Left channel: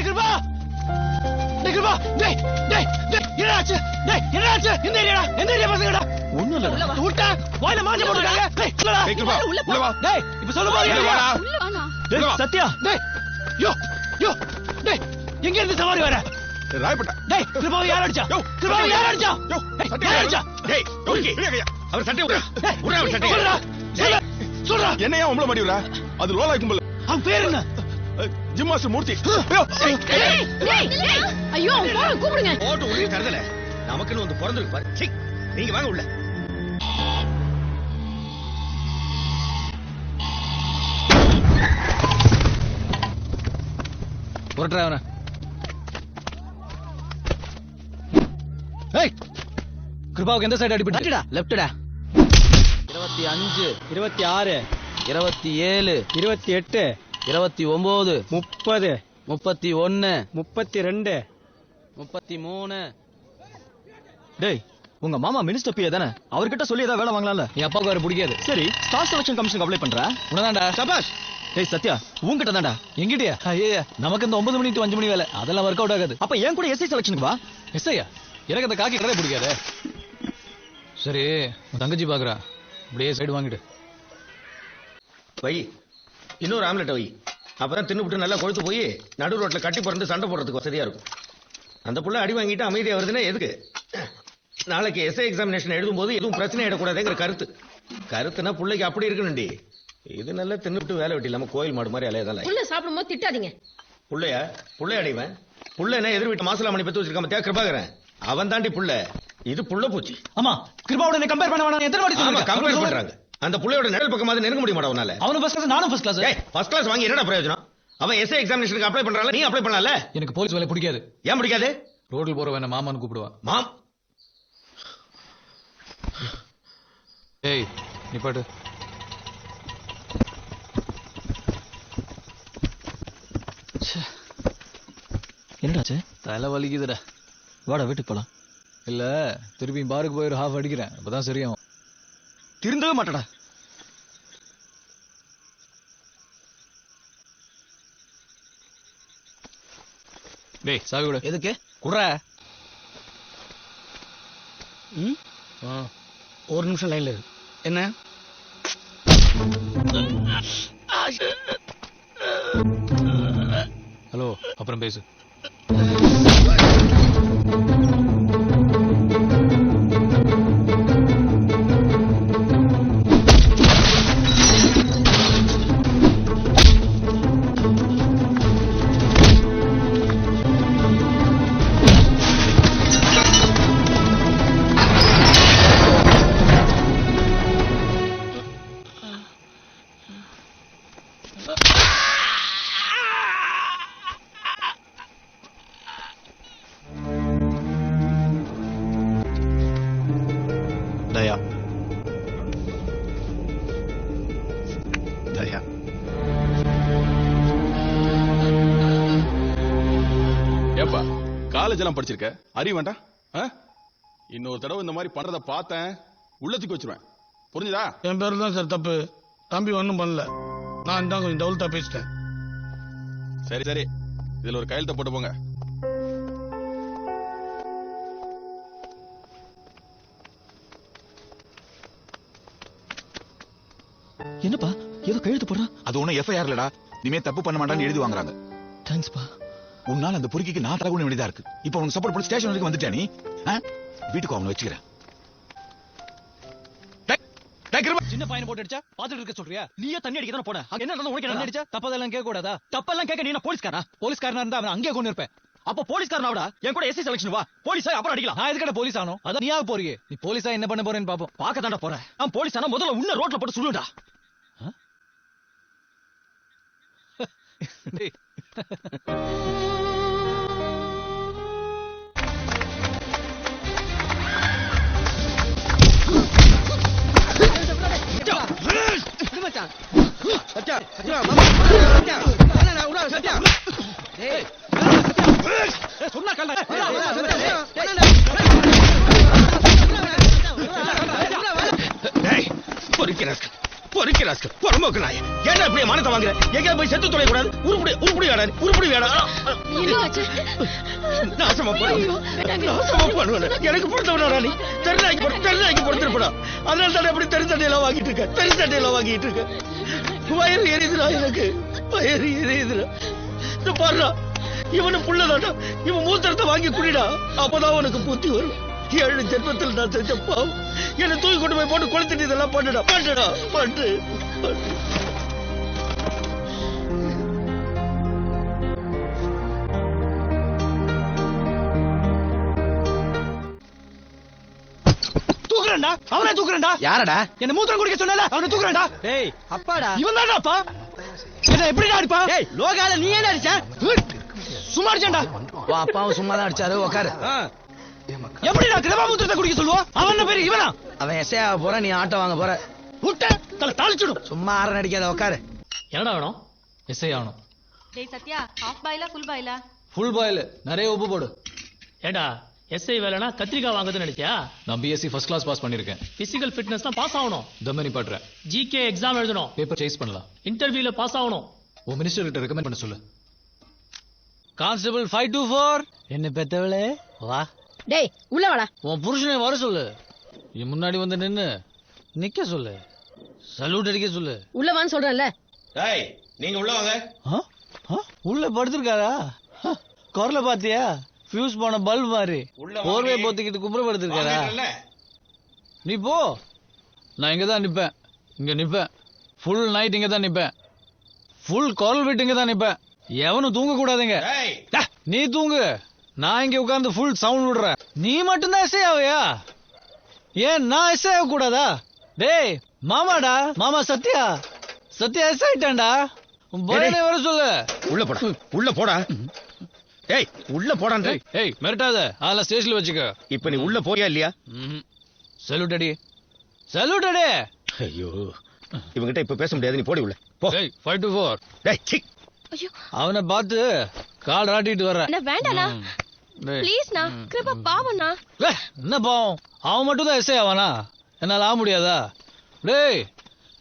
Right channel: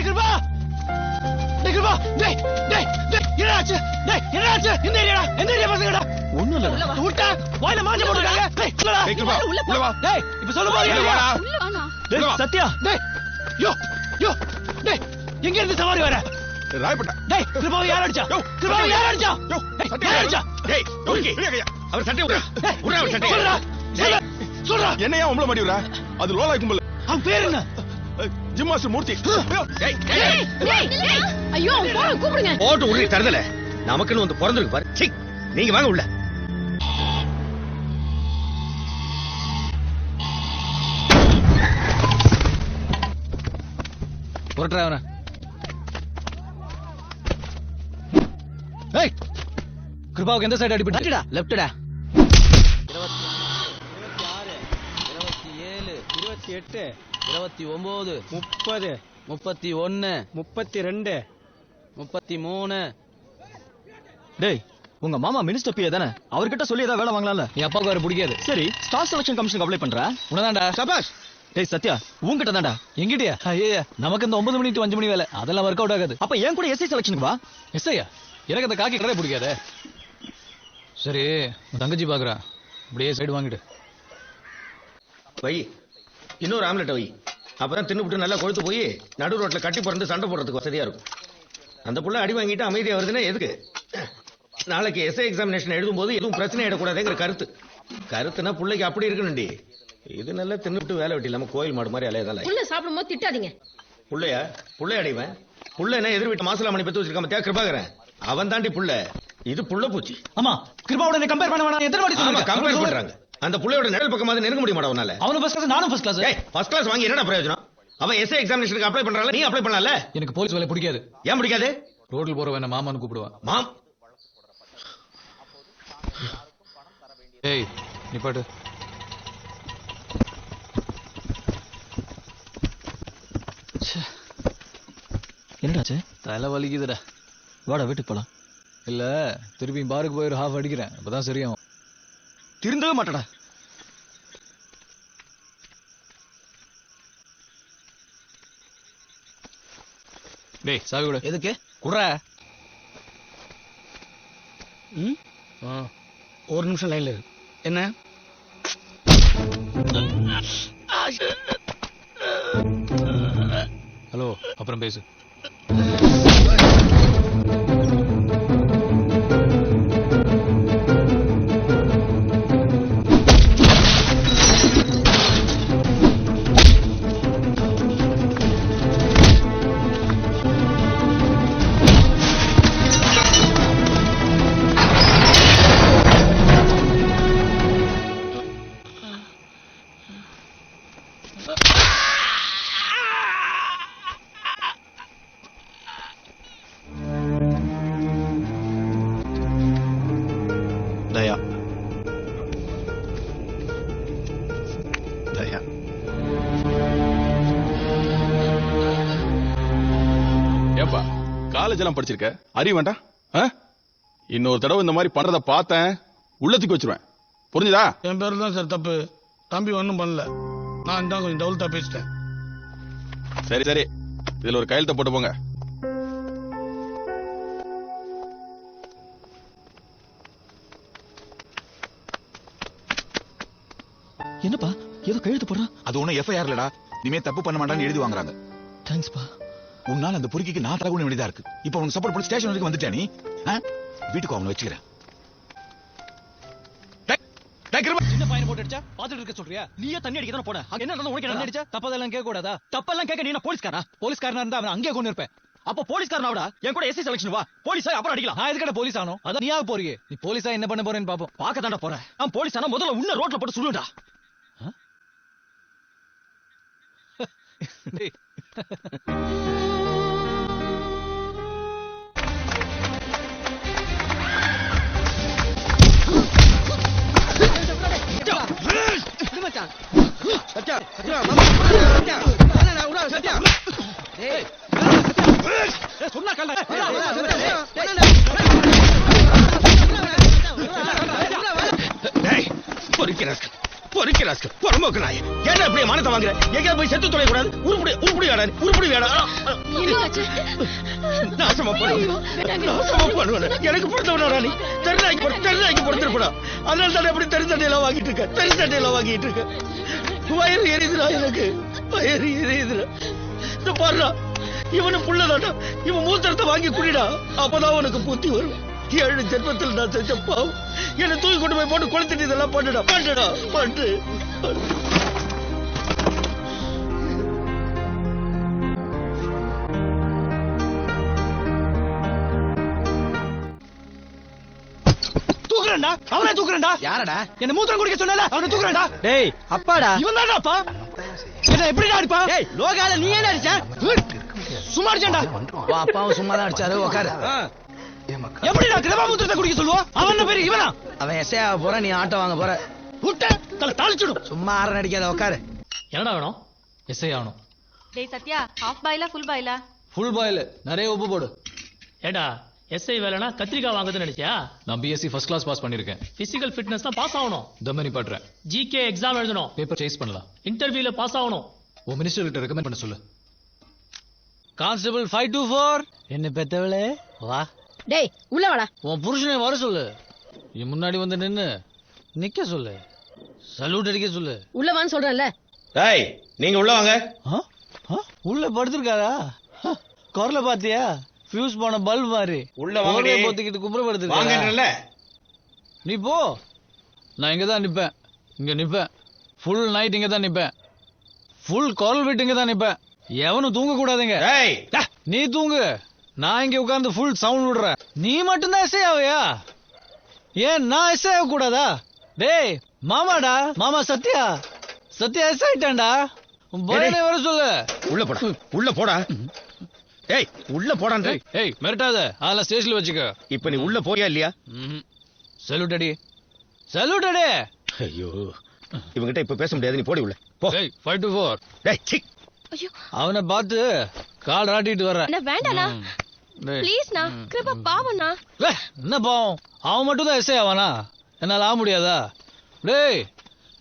கிருபா கிருபா டேய் டேய் என்னாச்சு டேய் என்னாச்சு எந்த ஏரியா பசங்கடா ஒண்ணு இல்லடா ஊட்ட வாயில மாஞ்சு போடுடா டேய் கிருபா உள்ள வா டேய் இப்ப சொல்ல போறியா உள்ள வாமா டேய் சத்யா டேய் யோ டேய் எங்க இருந்து சவாரி வர ராய்பட்டா டேய் கிருபா யார் அடிச்சா கிருபா யார் அடிச்சா சத்யா அடிச்சா டேய் ஓகே அவர் சட்டை விடுடா அவர் சட்டை சொல்றா என்னையா உங்கள மாட்டி விடுற அது ரோல் ஆயிடும் போல அவன் பேர் என்ன ஜிம் மாஸ்டர் மூர்த்தி ஐயோ கூப்பிடுங்க ஓட்ட உள்ள தரதல நமக்குன்னு வந்து பிறந்திருக்கு பாரு சீ நீங்க வாங்க உள்ள போறடா அவன ஏய் கிருபாவுக்கு எந்த சைடு அடிபட்டுடா லெஃப்ட்டடா 25 26 27 28 29 30 31 32 33 டேய் உங்க மாமா மினிஸ்டர் பிஏ தானே அவர்கிட்ட சொல்லி ஏதாவது வேலை வாங்கலாம்ல என் அப்பாவுக்கு அவரை பிடிக்காது சரி ஸ்டாஃப் செலக்ஷன் கமிஷன் அப்ளை பண்றா உனதான்டா சபாஷ் டேய் சத்யா உன்கிட்ட தான்டா எங்கிட்டயா ஐயே நமக்கு இந்த 9 மணி to 5 மணி வேலை அதெல்லாம் ஒர்க் அவுட் ஆகாது அப்ப ஏன் கூட எஸ்ஐ செலக்ஷன் வா எஸ்ஐ எனக்கு அந்த காக்கி கடை பிடிக்காது சரி தங்கச்சி பாக்குறா அப்படியே சைடு வாங்கிடு வை இன்னொரு ஆம்லெட் வை அப்புறம் தின்னுபிட்டு நல்லா கொழுத்து போய் நடு ரோட்ல கட்டி பிறந்து சண்டை போடுறதுக்கு வசதியா இருக்கும் அந்த புள்ள அடி வாங்கிட்டு அமைதியா வருதுன்னா எதுக்கு நாளைக்கு எஸ்ஐ எக்ஸாமினேஷன் எழுதும் போது எதுவும் பிரச்சனை ஆயிடக்கூடாதுங்கிற கருத்துனா பிள்ளைக்கு அப்படி இருக்கணும்டி இது நல்லா தின்னுபிட்டு வேலை வெட்டி இல்லாம கோயில் மாடு மாதிரி அலையதால புள்ள சாப்பிடும் போது திட்டாதீங்க புள்ளை அடிவன் புள்ள என்ன எதிர் வீட்டு மாசலா மணி பத்து வச்சிருக்காம கிருபாகரன் அவன் தாண்டி புள்ள இது புள்ள பூச்சி ஆமா கிருபாவோட கம்பேர் பண்ண எதிர்வாடி கம்பேர் பண்றாங்க அந்த புள்ளையோட நிழல் பக்கமாவது நெருங்க முடிய மாட்டா உன்னால அவனு ஃபர்ஸ்ட் கிளாஸ் நானும் ஃபர்ஸ்ட் கிளாஸ் ஃபர்ஸ்ட் கிளாஸ் வாங்கி என்னடா பிரயோஜனம் அவன் எஸ்ஐ எக்ஸாமினேஷனுக்கு அப்ளை பண்றால நீ அப்ளை பண்ணலாம்ல எனக்கு போலீஸ் வேலை பிடிக்காது ஏன் பிடிக்காது ரோட்ல போற வேணா மாமான்னு கூப்பிடுவான் மாம் ஏய் நிப்பாட்டு என்னடாச்சு தலை வலிக்குதுடா வாடா வீட்டுக்கு போலாம் இல்ல திருப்பி பாருக்கு போய் ஒரு ஹாஃப் அடிக்கிறேன் இப்பதான் சரியாகும் திருந்தவே மாட்டடா டேய் சாவி விடு எதுக்கு குறா ஒரு நிமிஷம் லைன்ல இரு என்ன ஹலோ அப்புறம் பேசு ஏப்பா காலேஜ் எல்லாம் படிச்சிருக்க அறிய வேண்டாம் இன்னொரு தடவை இந்த மாதிரி பண்றத பார்த்தேன் உள்ளத்துக்கு வச்சிருவேன் புரிஞ்சுதா என் பேரு தான் சார் தப்பு தம்பி ஒண்ணும் பண்ணல நான் தான் கொஞ்சம் டவுல்ட்டா பேசிட்டேன் சரி சரி இதுல ஒரு கையெழுத்த போட்டு போங்க என்னப்பா கையெழுத்து போடுற அது ஒண்ணும் எஃப்ஐஆர் இல்லடா இனிமே தப்பு பண்ண மாட்டான்னு எழுதி வாங்குறாங்க தேங்க்ஸ்பா உன்னால அந்த பொறுக்கிக்கு நான் தரக்கூடிய வேண்டியதா இருக்கு இப்ப உனக்கு சப்போர்ட் பண்ணி ஸ்டேஷன் வரைக்கும் வந்துட்டானே வீட்டுக்கு அவனை வச்சுக்கிறேன் சின்ன பையனை போட்டு அடிச்சா பாத்துட்டு இருக்க சொல்றியா நீயே தண்ணி அடிக்க தான் போட என்ன நடந்து உனக்கு என்ன அடிச்சா தப்பதெல்லாம் கேட்க கூடாதா தப்பெல்லாம் கேட்க நீ போலீஸ்காரனா இருந்தா அவன் அங்கே கொண்டு இருப்பேன் அப்ப போலீஸ்காரனாவடா என் கூட எஸ்ஐ செலக்ஷன் வா போலீஸா அப்புறம் அடிக்கலாம் நான் எதுக்கட போலீஸ் ஆனோம் அதான் நீயா போறீங்க போலீஸா என்ன பண்ண போறேன்னு பாப்போம் பாக்க தாண்டா போறேன் நான் போலீஸ் ஆனா முதல்ல உன்ன ரோட்ல போட்டு சுடுடா பொறுக்கி ராஸ்கல் பொறுமோக்கு நாய் ஏன்டா இப்படி மானத்தை வாங்குற எங்க போய் செத்து தொலைறா உருப்படி நாசமா போறீங்க எனக்கு பொறுத்தவனா நீ தெரியலைக்கு பொறுத்திருப்பா அதனால தான் அப்படி தெரிஞ்சதெல்லாம் வாங்கிட்டு இருக்க வயிறு எரியுதுடா எனக்கு வயிறு எரியுதுடா போடுறா இவனு புள்ளதாடா இவன் மூத்திரத்தை வாங்கி குடிடா அப்பதான் உனக்கு புத்தி வரும் 7 ஜென்மத்தில் நான் திருச்சப்பா என்னை தூக்கி கொண்டு போய் போட்டு குளித்துட்டு இதெல்லாம் பண்ணு தூக்குறேன்டா யாரடா? என்ன மூத்திரம் குடிக்க சொல்லல அவனை தூக்குறேன்டா டேய் அப்பாடா. இவன் தான் அப்பா என்ன எப்படிடா அடிப்பா லோகால நீ ஏன் அடிச்ச சும்மா அடிச்சேன்டா உன் அப்பாவும் சும்மா தான் அடிச்சாரு. உட்காரு. எப்படிடா கிரபாமுத்திரத்தை குடிக்க சொல்லுவா அவன் பேரு இவனா அவன் எஸ்ஐ ஆக போற, நீ ஆட்டோ வாங்க போற. விட்ட தலை தாளிச்சிடும் சும்மா ஆற அடிக்காத. உட்காரு. என்னடா வேணும்? எஸ்ஐ ஆகணும். டேய் சத்யா ஹாஃப் பாயிலா ஃபுல் பாயிலா? ஃபுல் பாயில், நிறைய உப்பு போடு. ஏடா எஸ்ஐ வேலைனா கத்திரிக்காய் வாங்குதுன்னு நினைச்சியா? நான் பிஎஸ்சி ஃபர்ஸ்ட் கிளாஸ் பாஸ் பண்ணிருக்கேன். பிசிக்கல் ஃபிட்னஸ் தான் பாஸ் ஆகணும். இந்த மாதிரி பாடுறேன். ஜிகே எக்ஸாம் எழுதணும். பேப்பர் சேஸ் பண்ணலாம். இன்டர்வியூல பாஸ் ஆகணும். ஓ மினிஸ்டர் கிட்ட ரெக்கமெண்ட் பண்ண சொல்லு. கான்ஸ்டபிள் 524 என்ன பெத்தவளே வா. டேய் உள்ள வாடா. உன் புருஷனை வர சொல்லு. என் முன்னாடி வந்து நின்னு நிக்க சொல்லு. சல்யூட் அடிக்க சொல்லு. உள்ள வான்னு சொல்றேன்ல. டேய் நீங்க உள்ள வாங்க உள்ள படுத்திருக்காரா? தெரியல பாத்தியா? ஃபியூஸ் போன பல்ப் மாதிரி உள்ள வாங்க போத்துக்கிட்டு குப்புறப்படுத்திருக்காரா? வாங்கன்றல நீ போ. நான் இங்க தான் நிப்பேன். இங்க நிப்பேன். ஃபுல் நைட் இங்க தான் நிப்பேன். ஃபுல் கால் வெயிட் இங்க தான் நிப்பேன். எவனும் தூங்க கூடாதுங்க. டேய் நீ தூங்கு. நான் இங்க உட்கார்ந்து ஃபுல் சவுண்ட் விடுறேன். நீ மட்டும் தான் எஸ்ஐ ஆவியா? ஏன் நான் எஸ்ஐ ஆக கூடாதா? டேய் மாமாடா, மாமா சத்யா எஸ்ஐ ஆயிட்டான்டா. பையனை வர சொல்லு. உள்ள போடா ஏய் உள்ள போடான்னு ஏய் மிரட்டாத. அதெல்லாம் ஸ்டேஷன்ல வச்சுக்க. இப்ப நீ உள்ள போறியா இல்லையா சல்யூட் அடி. சல்யூட் அடி. ஐயோ இவங்கிட்ட இப்ப பேச முடியாது நீ போடி உள்ள போ 524. டேய் சீ அவனை பார்த்து கால் ஆட்டிட்டு வர்றேன். என்ன வேண்டாண்ணா ப்ளீஸ்ண்ணா. கிருபா பாவம்ண்ணா. என்ன பாவம்? அவன் மட்டும் தான் எஸ்ஐ ஆவானா? என்னால ஆக முடியாதா?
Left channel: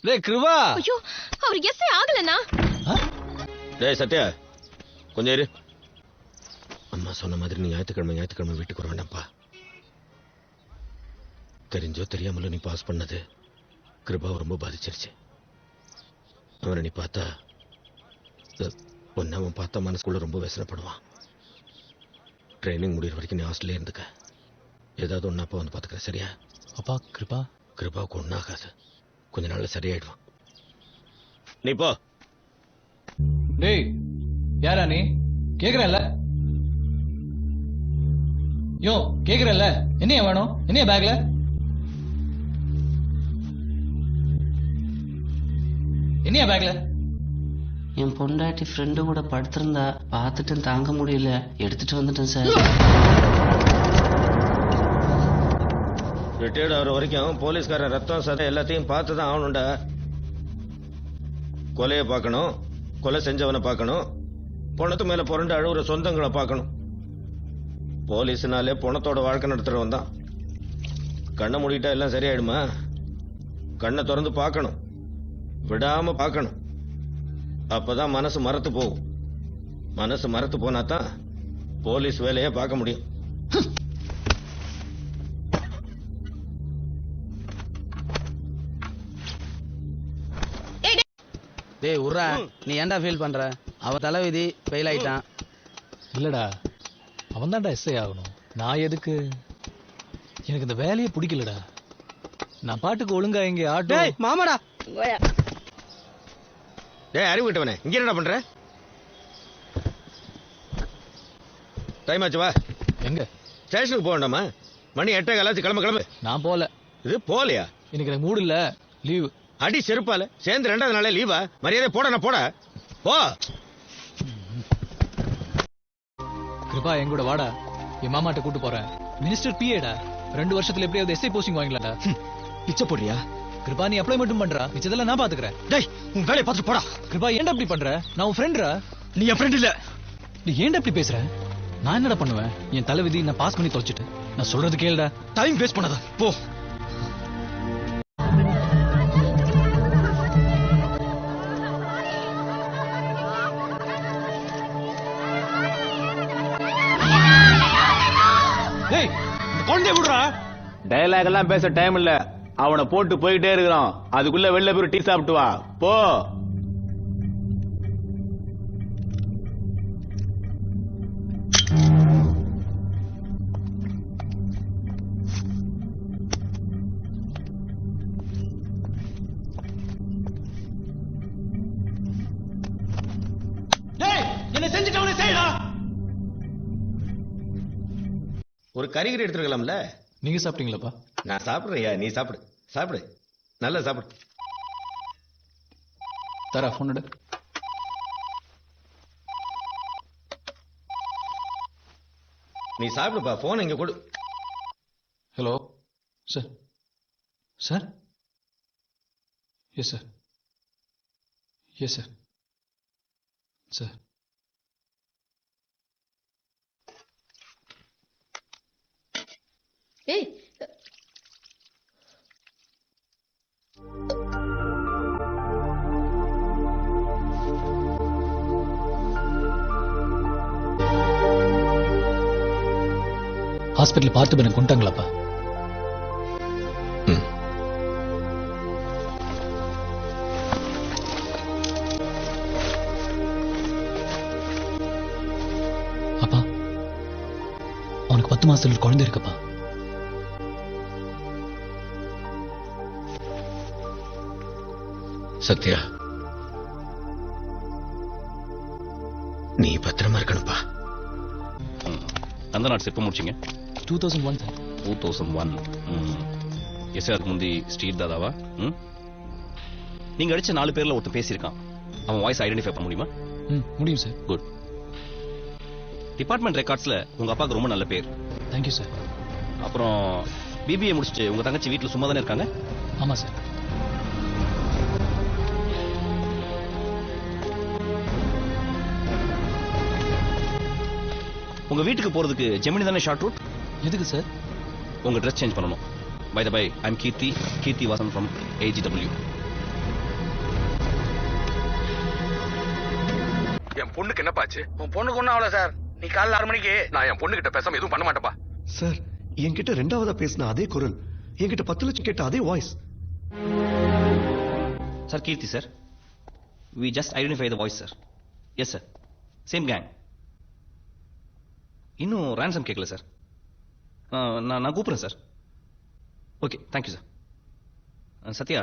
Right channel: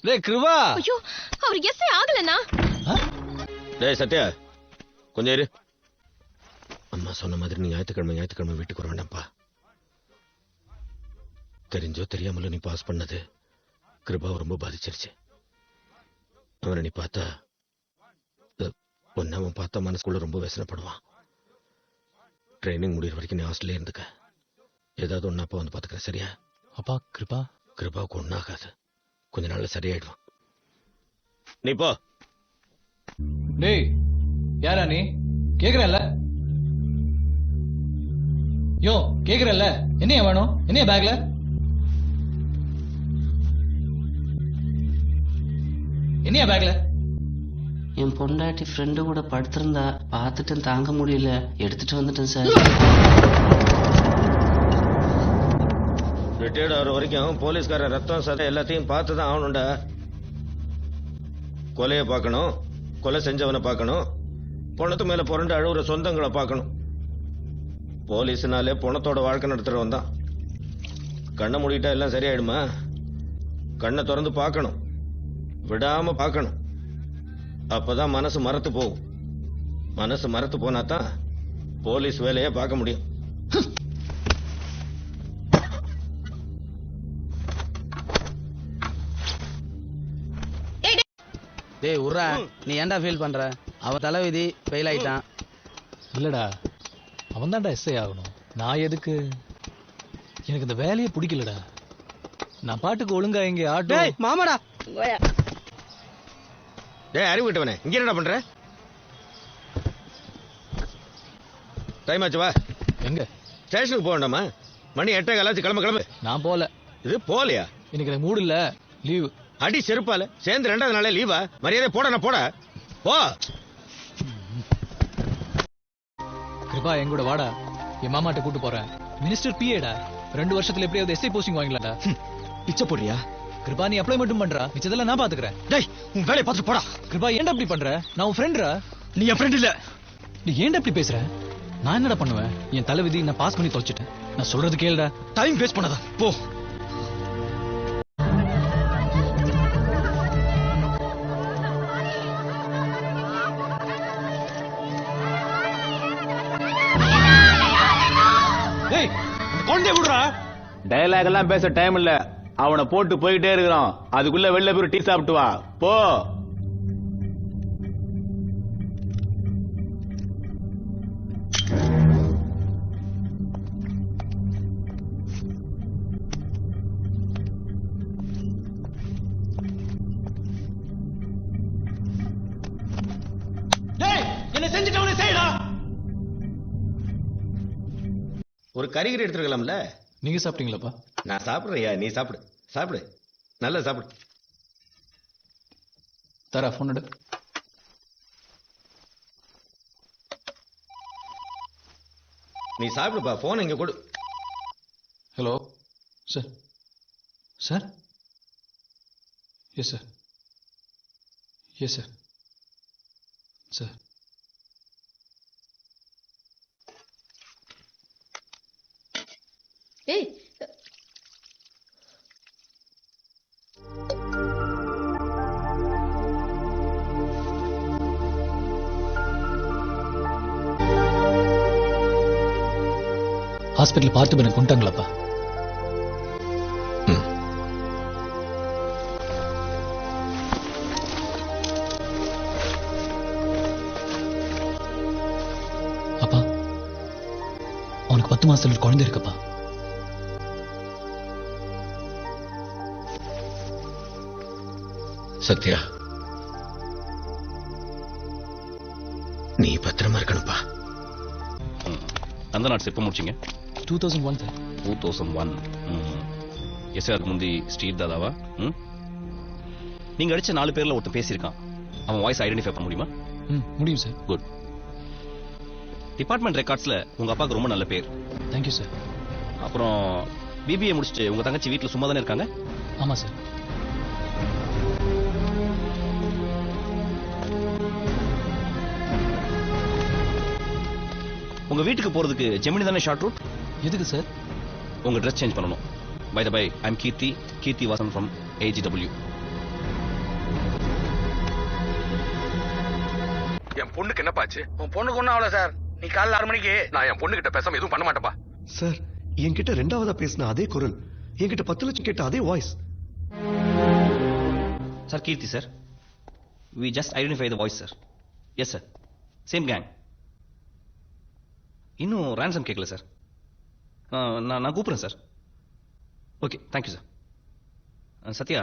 டேய் கிருபா. ஐயோ அவர் எஸ்ஐ ஆகலண்ணா. டேய் சத்யா கொஞ்சம் இரு அம்மா சொன்ன மாதிரி நீ ஞாயிற்றுக்கிழமை வீட்டுக்கு வர வேண்டாம்ப்பா தெரிஞ்சோ தெரியாமல நீ பாஸ் பண்ணது கிருபாவை ரொம்ப பாதிச்சிருச்சு அவனை நீ பார்த்தா ஒன்னு அவன் பார்த்தா மனசுக்குள்ள ரொம்ப வேசனப்படுவான் ட்ரைனிங் முடிகிற வரைக்கும் நீ ஹாஸ்டல்ல இருந்துக்க ஏதாவது ஒன்னு அப்பா வந்து பார்த்துக்கிறேன் சரியா? அப்பா கிருபாவுக்கு ஒன்றாகாது கொஞ்ச நாள்ல சரியாயிடுவான் நீ போ. டேய் யாரா நீ? கேக்குறல்ல? யோ கேக்குறல்ல? என்னைய வேணும்? என்னைய பேக்ல? என்னைய பேக்ல? என் பொண்டாட்டி ஃப்ரெண்டு கூட படுத்திருந்தா பார்த்துட்டு தாங்க முடியல எடுத்துட்டு வந்துட்டேன் சார். ரிட்டையர்ட் ஆகிற வரைக்கும் போலீஸ்காரன் ரத்தம் சதை எல்லாத்தையும் பார்த்து தான் ஆகணும்டா. கொலையை பார்க்கணும், கொலை செஞ்சவனை பார்க்கணும், பணத்து மேல புரண்டு அழுகுற சொந்தங்களை பார்க்கணும். போலீஸ்னாலே பணத்தோட வாழ்க்கை நடத்துறவன் தான். கண்ணை மூடிட்டா எல்லாம் சரியாயிடுமா? கண்ணை திறந்து பார்க்கணும், விடாம பார்க்கணும். அப்பதான் மனசு மரத்து போகும். மனசு மரத்து போனாதான் போலீஸ் வேலையை பார்க்க முடியும். டேய் உர்றா. நீ ஏன்டா ஃபீல் பண்ற? அவன் தலைவிதி ஃபெயில் ஆயிட்டான். இல்லடா அவன் தான்டா எஸ்ஐ ஆகணும். நான் எதுக்கு? எனக்கு இந்த வேலையே பிடிக்கலடா. நான் பாட்டுக்கு ஒழுங்கா இங்க ஆட்டோ. மாமாடா. ஏய் அறிவு விட்டவனே இங்க என்ன பண்ற? டைம் ஆச்சு வா. எங்க? ஸ்டேஷனுக்கு போக வேண்டாமா? மணி 8 காலாச்சு கிளம்ப. நான் போல. இது போலையா? எனக்கு எனக்கு மூடு இல்ல. லீவு. அடி செருப்பால சேர்ந்து 2வது நாளே லீவா? மரியாதை போட போட போ. கிருபா எங்கூட வாடா. என் மாமாட்ட கூட்டு போறேன். மினிஸ்டர் பிஏடா. 2 வருஷத்துல எப்படியாவது எஸ்ஐ போஸ்டிங் வாங்கலாம்டா. இச்ச போறியா? கிருபா நீ அப்ளை மட்டும் பண்றா. மிச்சதெல்லாம் நான் பாத்துக்கிறேன். டேய் உன் வேலைய பாத்து போடா. கிருபா ஏன்டா இப்படி பண்ற? நான் உன் ஃப்ரெண்ட்ரா. நீ என் ஃப்ரெண்ட் இல்ல. நீ ஏன்டா இப்படி பேசுற? நான் என்னடா பண்ணுவேன்? என் தலைவிதி நான் பாஸ் பண்ணி தொலைச்சிட்டேன். நான் சொல்றது கேளுடா. டைம் வேஸ்ட் பண்ணாத போ. குழந்தைய விடுறா. டயலாக் எல்லாம் பேச டைம் இல்ல. அவனை போட்டு போயிட்டே இருக்கணும். அதுக்குள்ள வெளில போய் டீ சாப்பிட்டு வா போ. ஒரு கறிகறி எடுத்துருக்கலாம்ல. நீங்க சாப்பிட்டீங்களாப்பா? நான் சாப்பிடுறேன். நீ சாப்பிடு சாப்பிடு, நல்லா சாப்பிடு. தர phone எடு. நீ சாப்பிடுப்பா. போன் இங்க கொடு. Hello sir. Sir? Yes sir. Yes sir. Sir டேய் ஹாஸ்பிட்டல் பார்த்து பண்ண கொண்டாங்களாப்பா? அப்பா அவனுக்கு 10 மாசத்துல ஒரு குழந்தை இருக்குப்பா. சத்யா, நீ பத்திரமா இருக்கணும்ப்பா. அந்த நாட்ஸ் எப்போ முடிச்சிங்க? 2001 சார். 2001. எஸ் அதுக்கு முந்தி ஸ்டீவ் தாதாவா? நீங்க அடிச்சு 4 பேர்ல ஒருத்தர் பேசியிருக்கான். அவன் வாய்ஸ் ஐடென்டிஃபை பண்ண முடியுமா? முடியும் சார். குட். டிபார்ட்மெண்ட் ரெக்கார்ட்ஸ்ல உங்க அப்பாவுக்கு ரொம்ப நல்ல பேர். Thank you sir. அப்புறம் பிபிஏ முடிச்சுட்டு உங்க தங்கச்சி வீட்டுல சும்மா தானே இருக்காங்க? ஆமா சார். உங்க வீட்டுக்கு போறதுக்கு ஜெமினி தானே ஷார்ட் ரூட்? எதுக்கு சார்? உங்க ட்ரெஸ் சேஞ்ச் பண்ணணும். By the by, I am Keerthi Vasan from AGW. என் பொண்ணுக்கு என்னப்பாச்சு? உன் பொண்ணுக்கு ஒண்ணும் அவ்வளவு சார். நீ காலைல 6 மணிக்கு நான் என் பொண்ணுகிட்ட பேசாம எதுவும் பண்ண மாட்டேன்பா. சார், என்கிட்ட 2ஆவதா பேசின அதே குரல், என்கிட்ட 10 லட்சம் கேட்ட அதே voice. Sir Keerthi sir, we just identify the voice sir. Yes sir, same gang. இன்னும் ransom கேட்கல சார். நான் கூப்பிடுறேன் sir. Okay, thank you sir. Sathya,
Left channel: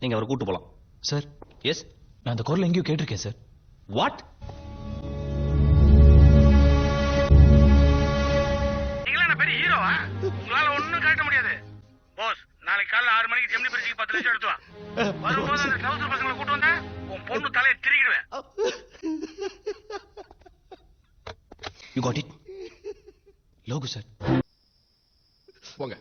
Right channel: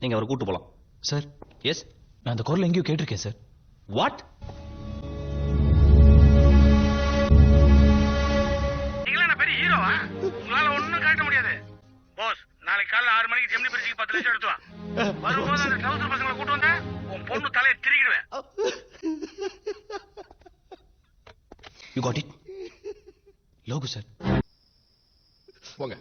நீங்க அவரை கூட்டு போலாம். சார் எஸ், நான் அந்த குரல் எங்கேயும் கேட்டிருக்கேன் சார். வாட்? நீங்களா பெரிய ஹீரோவா? உங்களால ஒண்ணும் காட்ட முடியாது. பாஸ், நாளைக்கு காலைல 6 மணிக்கு ஜெமினி பரிசுக்கு 10 லட்சம் எடுத்து வா. வரும்போது அந்த ட்ரௌசர் பசங்களை கூட்டு வந்தா உன் பொண்ணு தலையை திருகிடுவேன். You got it? Logu sir. போங்க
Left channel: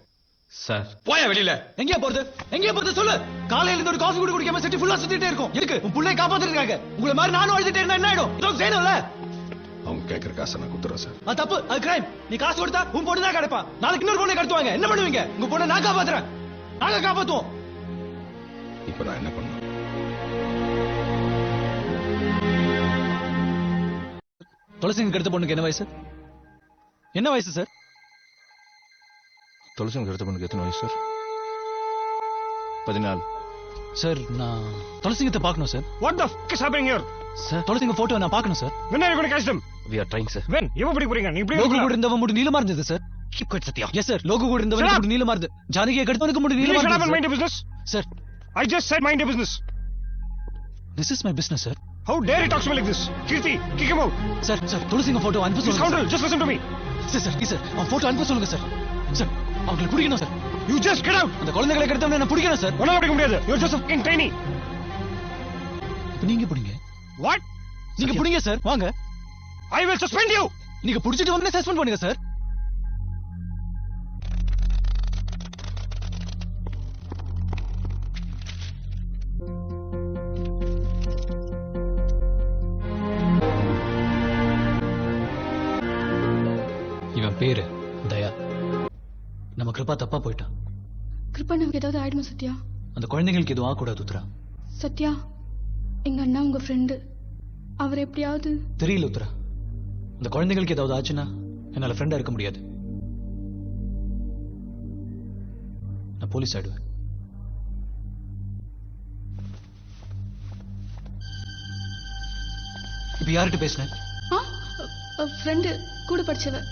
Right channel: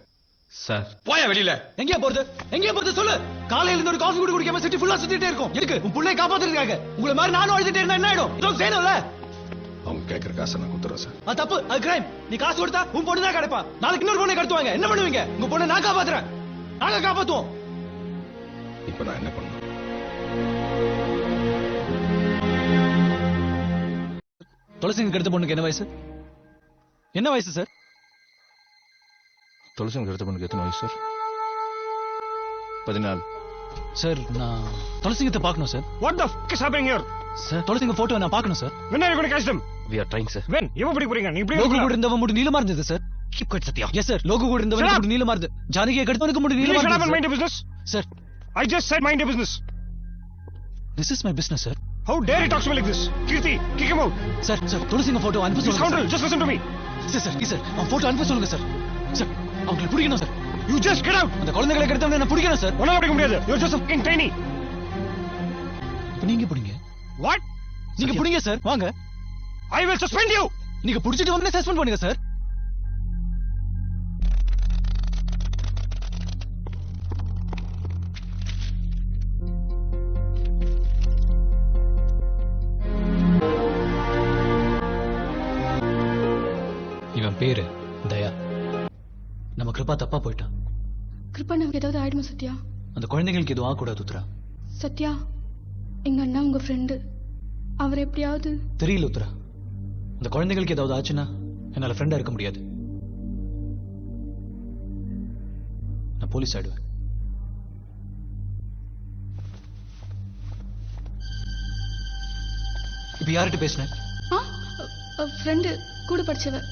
சார். போயா வெளியில. எங்கேயா போறது சொல்லு. காலையில இருந்து ஒரு காஃபி கூட குடிக்காம சிட்டி ஃபுல்லா சுத்திட்டே இருக்கோம். எதுக்கு? உன் புள்ளைய காப்பாத்துறதுக்காக. உங்களை மாதிரி நானும் அழுதுட்டே இருந்தா என்ன ஆயிடும்? இதோ செய்யணும்ல. அவங்க கேட்கிற காசை நான் கொடுத்துறேன் சார். அது தப்பு. அது கிரைம். நீ காசு கொடுத்தா உன் பொண்ணு தான் கிடைப்பா. நாளைக்கு இன்னொரு பொண்ணை கடத்துவாங்க. என்ன பண்ணுவீங்க? உங்க பொண்ணை நான் காப்பாத்துறேன். நானா காப்பாத்துவோம். இப்ப நான் என்ன பண்ணணும்? துளசிங்க கடத்து பொண்ணுக்கு என்ன வயசு? என்ன வயசு சார்? துளசிங்க எடுத்த பொண்ணுக்கு எத்தனை வயசு சார்? 14. சார் நான் துளசிங்கத்தை பார்க்கணும் sir. What the fuck is happening here? Sir துளசிங்க போட்டோ நான் பார்க்கணும் sir. When are you going to catch them? We are trying sir. When? இவன் பிடிக்க போறீங்க. நீ லோகு கூட இருந்தவன் முடி நீளமா இருந்தது sir. Keep quiet Sathya. Yes sir. Logu கூட இருந்தவன் முடி நீளமா இருந்தது. ஜானகியை கடத்தவனுக்கு முடி You நீளமா shut up and mind இருந்தது your business. Sir. I just said mind your business. This is my business sir. How dare you talk to me like this? Kirti, kick him out. Sir துளசிங்க photo அனுப்ப This சொல்லுங்க scoundrel, just listen to me. Sir. Sir அவன் photo அனுப்ப சொல்லுங்க sir. Sir அவங்களுக்கு பிடிக்கணும் sir. You just get out. அந்த குழந்தைகளை கடத்தவனை நான் பிடிக்கணும் சார். உன்னால பிடிக்க முடியாது. You're just a fucking tiny. நீங்க பிடிங்க. What? நீங்க பிடிங்க சார். வாங்க. I will suspend you. நீங்க பிடிச்சிட்டு வந்து சஸ்பெண்ட் பண்ணுங்க சார். இவன் பேரு தயா. நம்ம கிருபா தப்பா போயிட்டான். கிருப்பனுக்கு ஏதாவது ஆயிடுமா சத்யா? அந்த குழந்தைகளுக்கு எதுவும் ஆகக்கூடாது உத்ரா. சத்யா, எங்க அண்ணா உங்க ஃப்ரெண்டு. அவர் எப்படியாவது. தெரியல உத்ரா. அந்த குழந்தைகளுக்கு ஏதாவது ஆச்சுன்னா என்னால ஃப்ரெண்டா இருக்க முடியாது. நான் போலீஸ் ஆயிடுவேன். ஃப்ரெண்டு கூட படிச்சவன்.